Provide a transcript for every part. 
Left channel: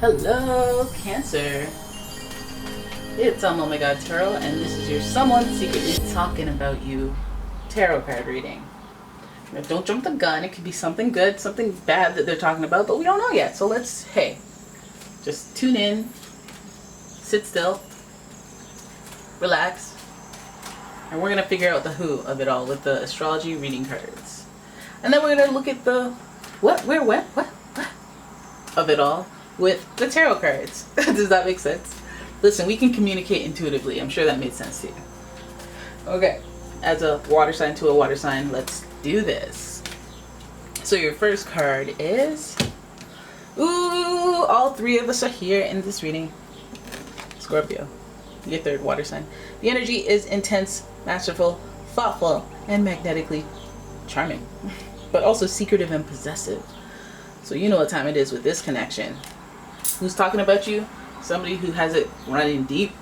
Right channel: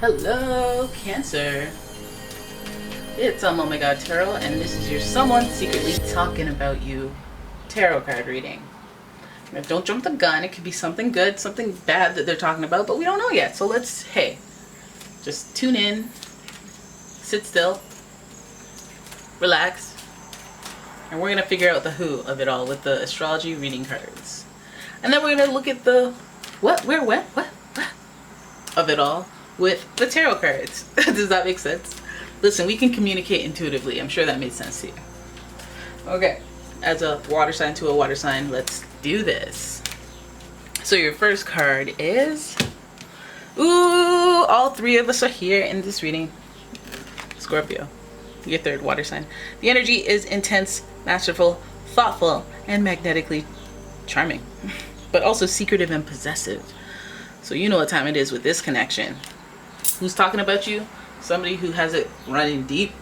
Hello, Cancer. It's umomgtarot, and this is your someone secretly talking about you tarot card reading. Now, don't jump the gun. It could be something good, something bad that they're talking about, but we don't know yet. So let's, just tune in, sit still, relax, and we're going to figure out the who of it all with the astrology reading cards. And then we're going to look at the what of it all with the tarot cards. Does that make sense? Listen, we can communicate intuitively. I'm sure that made sense to you. Okay, as a water sign to a water sign, let's do this. So your first card is, all three of us are here in this reading. Scorpio, your third water sign. The energy is intense, masterful, thoughtful, and magnetically charming, but also secretive and possessive. So you know what time it is with this connection. Who's talking about you? Somebody who has it running deep.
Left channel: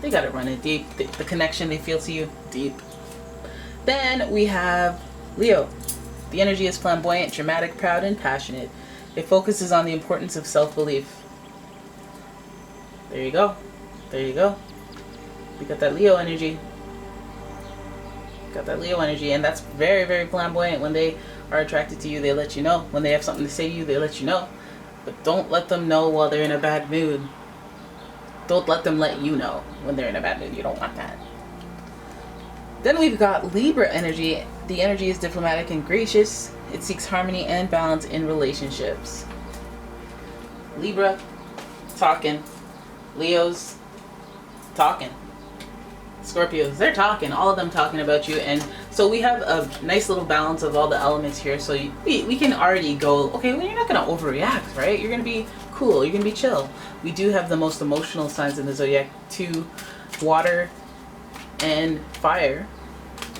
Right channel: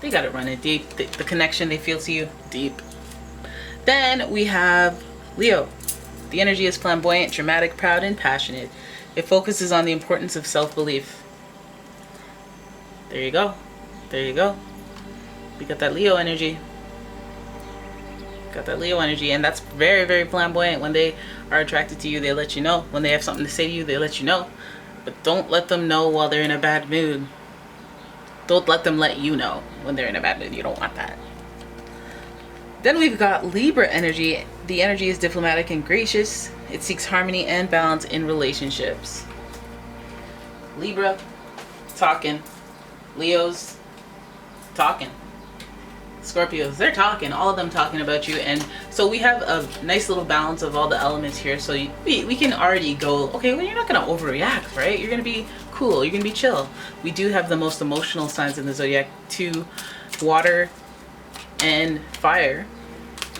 They got it running deep. The connection they feel to you, deep. Then we have Leo. The energy is flamboyant, dramatic, proud, and passionate. It focuses on the importance of self-belief. There you go. There you go. We got that Leo energy. Got that Leo energy, and that's very, very flamboyant. When they are attracted to you, they let you know. When they have something to say to you, they let you know. But don't let them know while they're in a bad mood. Don't let them let you know when they're in a bad mood. You don't want that. Then we've got Libra energy. The energy is diplomatic and gracious. It seeks harmony and balance in relationships. Libra, talking. Leo's, talking. Scorpios, they're talking. All of them talking about you. And so we have a nice little balance of all the elements here. So we can already go, okay, well, you're not going to overreact, right? You're going to be cool. You're going to be chill. We do have the most emotional signs in the zodiac, 2, water and fire.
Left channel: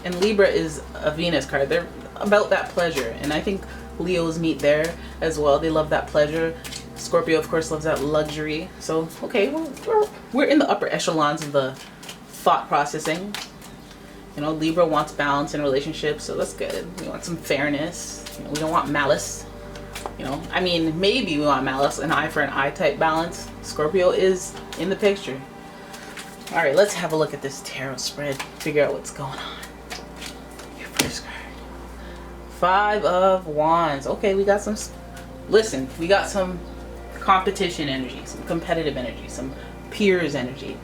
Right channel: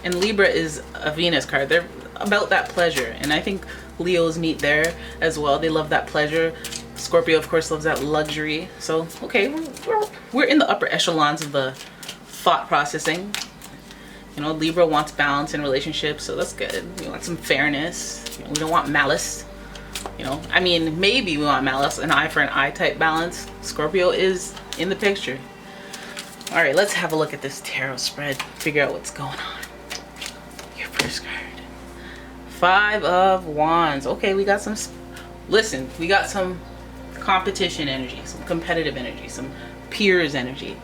And Libra is a Venus card. They're about that pleasure. And I think Leos meet there as well. They love that pleasure. Scorpio, of course, loves that luxury. So, okay, we're in the upper echelons of the thought processing. You know, Libra wants balance in relationships, so that's good. We want some fairness. You know, we don't want malice. You know, I mean, maybe we want malice, an eye for an eye type balance. Scorpio is in the picture. All right, let's have a look at this tarot spread. Figure out what's going on. Your first card. 5 of Wands. Okay, we got some. Listen, we got some competition energy, some competitive energy, some peers energy.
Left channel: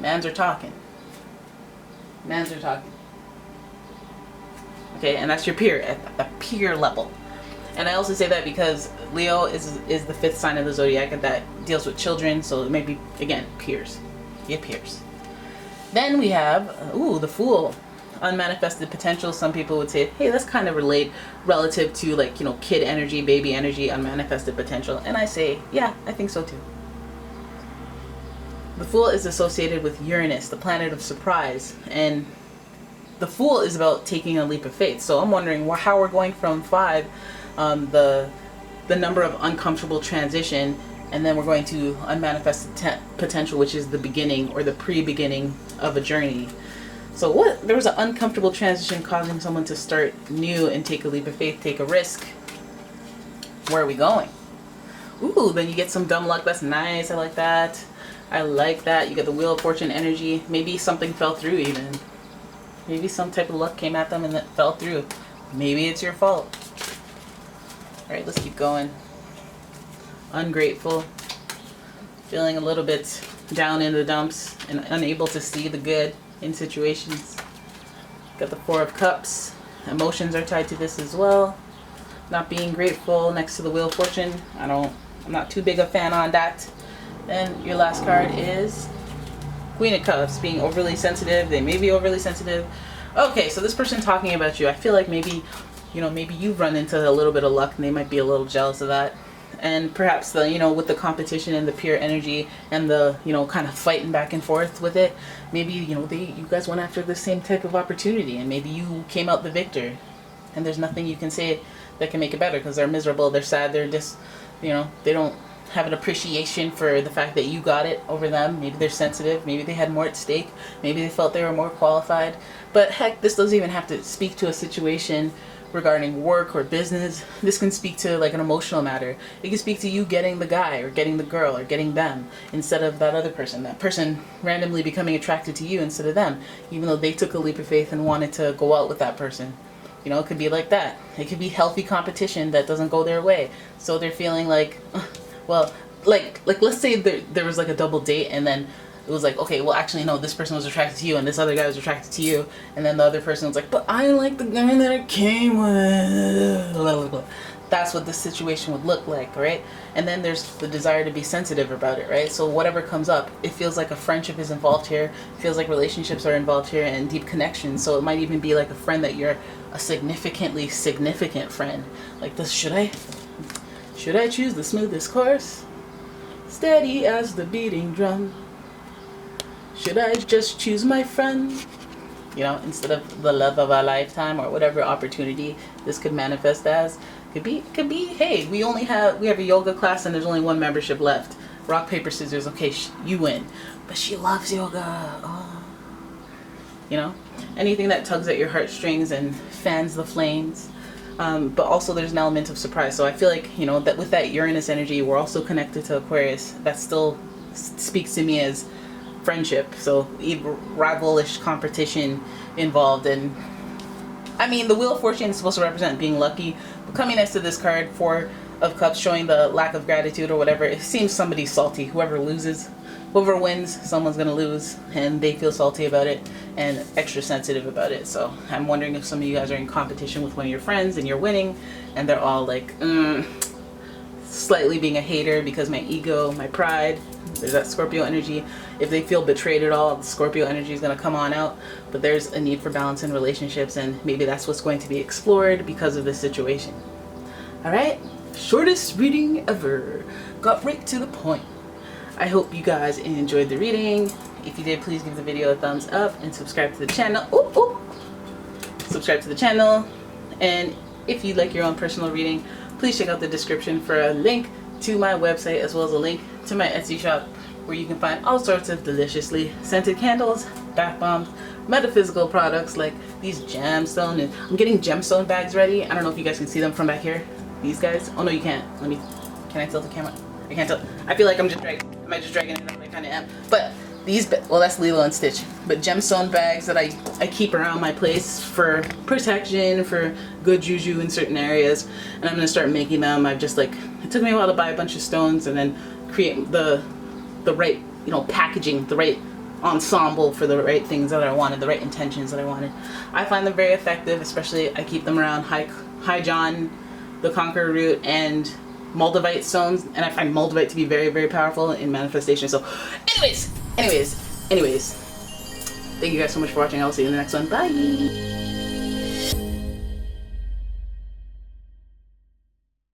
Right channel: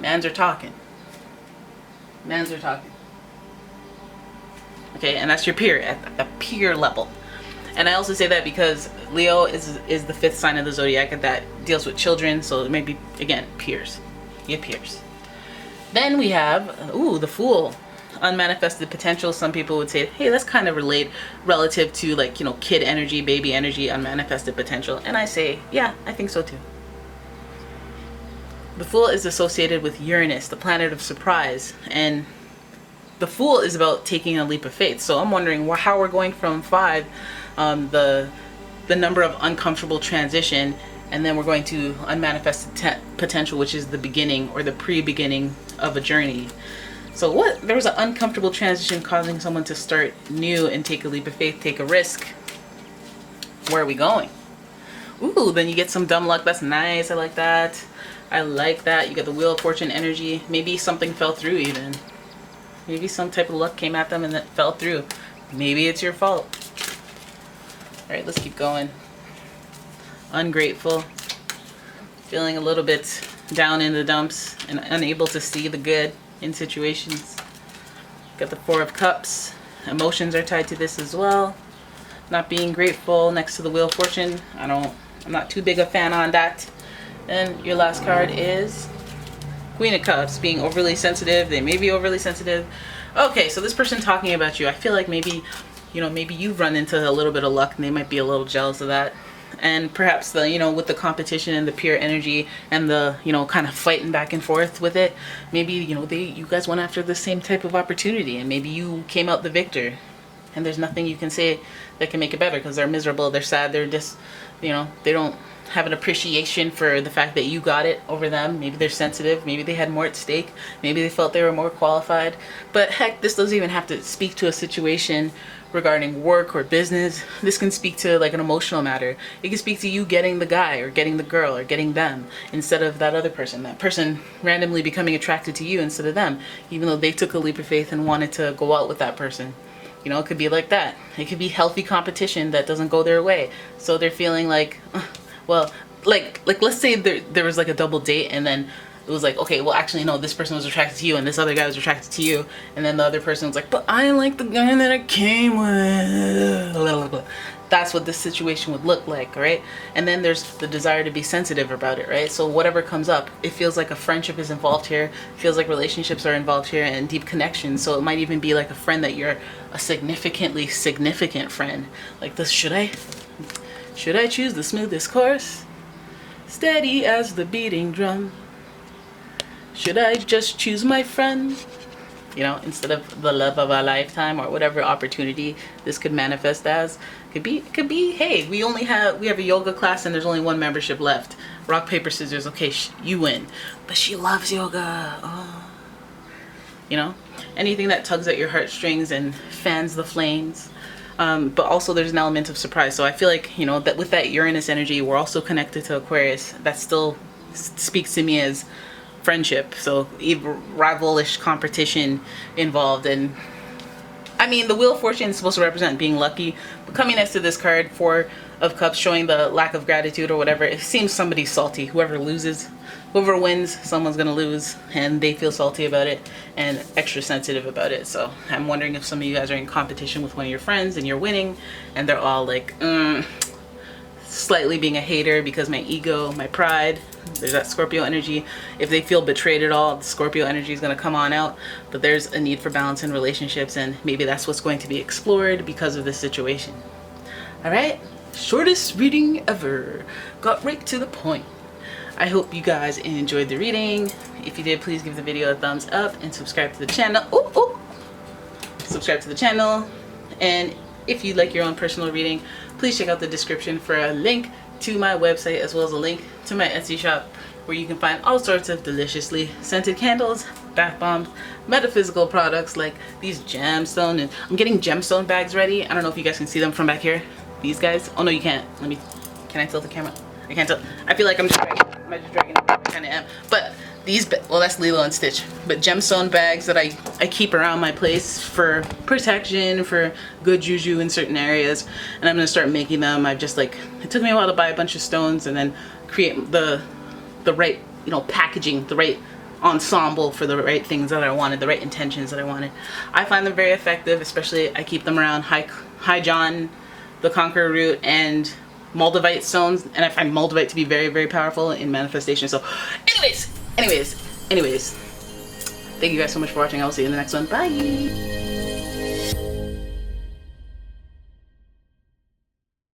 Mans are talking. Mans are talking. Okay, and that's your peer at the peer level. And I also say that because Leo is the 5th sign of the zodiac, and that deals with children, so it may be, again, peers. Yeah, peers. Then we have, the Fool. Unmanifested potential. Some people would say, hey, that's kind of relate relative to, like, you know, kid energy, baby energy, unmanifested potential. And I say, yeah, I think so too. The Fool is associated with Uranus, the planet of surprise, and the Fool is about taking a leap of faith. So I'm wondering how we're going from 5, the number of uncomfortable transition, and then we're going to unmanifested potential, which is the beginning or the pre-beginning of a journey. So what? There was an uncomfortable transition causing someone to start new and take a leap of faith, take a risk. Where are we going? Ooh, then you get some dumb luck. That's nice. I like that. I like that. You get the Wheel of Fortune energy. Maybe something fell through even. Maybe some type of luck came at them and it fell through. Maybe it's your fault. All right, let's keep going. Ungrateful. Feeling a little bit down in the dumps and unable to see the good in situations. Got the 4 of Cups. Emotions are tied to this as well. Not being grateful next to the Wheel of Fortune. I'm not too big a fan on that. Then your last card is Queen of Cups, being overly sensitive. They may be overly sensitive. Okay, so this person talking about you, I feel like maybe you've run into a little bit of luck and they might be a little jealous of that. And perhaps with the competition and the peer energy and the, kind of fighting back and forth with it, maybe, you guys went after the same type of opportunity and maybe you came out the victor. And there's nothing you can say that can make it better because they're miserable, they're sad, they're just, they don't have an appreciation for the fact that you got it over them. Maybe they're sensitive, maybe they had more at stake, maybe they felt they were more qualified. But heck, this doesn't even have to speak to a situation regarding work or business. This can speak to like an emotional matter. It can speak to you getting the guy or getting the girl or getting them instead of that other person. That person randomly becoming attracted to you instead of them, even though they took a leap of faith and wanted to go out with that person. You know, it could be like that. It could be healthy competition that doesn't go their way. So they're feeling like, well, like let's say there was like a double date, and then it was like, okay, well actually no, this person was attracted to you and this other guy was attracted to you, and then the other person was like, but I like the guy that I came with. That's what this situation would look like, right? And then there's the desire to be sensitive about it, right? So whatever comes up, it feels like a friendship is involved here. It feels like relationships are involved here and deep connections. So it might even be like a friend that you're a significantly significant friend. Like this, should I choose the smoothest course? Steady as the beating drum. Should I just choose my friend? You know, instead of the love of a lifetime, or whatever opportunity this could manifest as. It could be, hey, we have a yoga class and there's only one membership left. Rock, paper, scissors. Okay, you win. But she loves yoga. Oh. You know, anything that tugs at your heartstrings and fans the flames. But also there's an element of surprise. So I feel like, you know, that with that Uranus energy, we're also connected to Aquarius. That still speaks to me as friendship. So rivalish competition involved. And I mean, the Wheel of Fortune is supposed to represent being lucky, but coming next to this card, Four of Cups, showing the lack of gratitude or whatever, it seems somebody's salty. Whoever wins, someone's gonna lose, and they feel salty about it and extra sensitive about it. So I'm wondering if some of you guys are in competition with one of your friends and you're winning, and they're all like, slightly being a hater because my ego, my pride. There's that Scorpio energy. If they feel betrayed at all, the Scorpio energy is going to come on out. But there's a need for balance in relationships, and maybe that's what's going to be explored because of this situation. All right, shortest reading ever. Got right to the point. I hope you guys enjoyed the reading. If you did, please give the video a thumbs up and subscribe to the channel. Subscribe to the channel. And if you'd like your own personal reading, please check out the description for a link to my website, as well as a link to my Etsy shop, where you can find all sorts of deliciously scented candles, bath bombs, metaphysical products like these gemstone, and I'm getting gemstone bags ready. I don't know if you guys can see them from back here. These guys. Oh no, you can't. Can I tilt the camera? I can't tell. I feel like I'm just dragging. Am I just dragging it around? I kind of am. But these, well, that's Lilo and Stitch. But gemstone bags that I keep around my place for protection, for good juju in certain areas. And I'm gonna start making them. I've just like, it took me a while to buy a bunch of stones and then create the right, you know, packaging, the right ensemble for the right things that I wanted, the right intentions that I wanted. I find them very effective, especially I keep them around High John, the Conqueror root, and Moldavite stones, and I find Moldavite to be very, very powerful in manifestation. So anyways, thank you guys so much for watching. I will see you in the next one. Bye.